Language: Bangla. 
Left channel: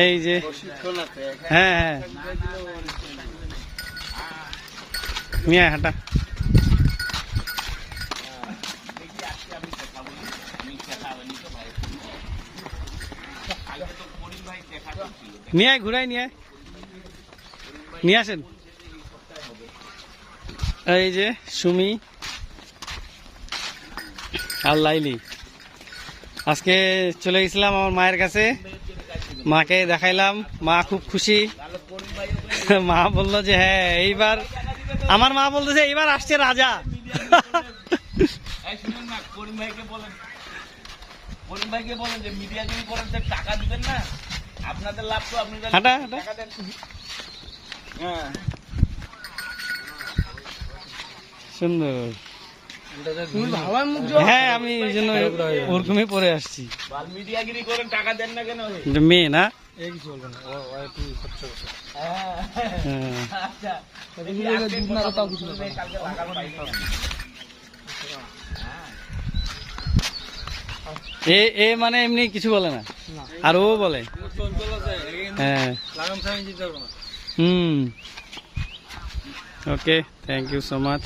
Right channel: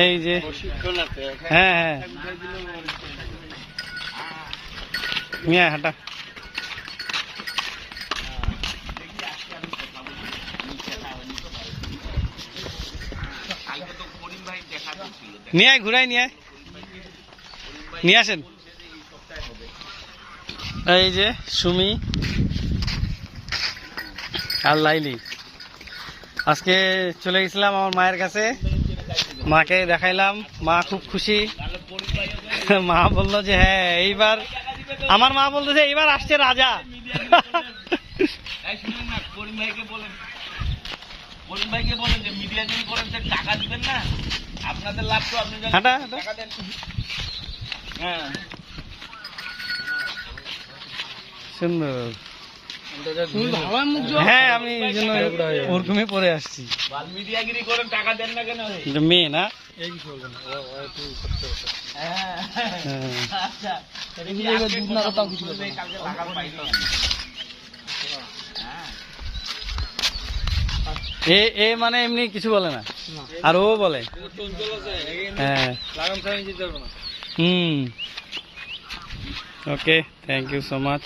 এই যে হ্যাঁ হ্যাঁ নিয়ে হাঁটা নিয়ে আয় ঘুরাই নিয়ে আয় নিয়ে আসেন এই যে সুমি আর লাইলি আজকে চলে গেছিলাম আমার মায়ের কাছে মাকে দেখাইলাম মা খুব খুশি মা বললো যে হ্যাঁ এইবার আমার মা বলতেছে এইবার আসছে রাজা ভাইকে বলেন যে মিডিয়া যদি করেন টাকা দিবেন না আপনাদের লাভ তো আপনি হাঁটা টাকা দেন হ্যাঁ সুন্দর হ্যাঁ আমি এই জন্য ওরকমই পরে আসছি মিডিয়াগিরি করেন টাকা দেন না কেন এটা মেয়ে না আচ্ছা এ মানে এমনি কিছু বলে না আর ও বলে হ্যাঁ okay thank you so much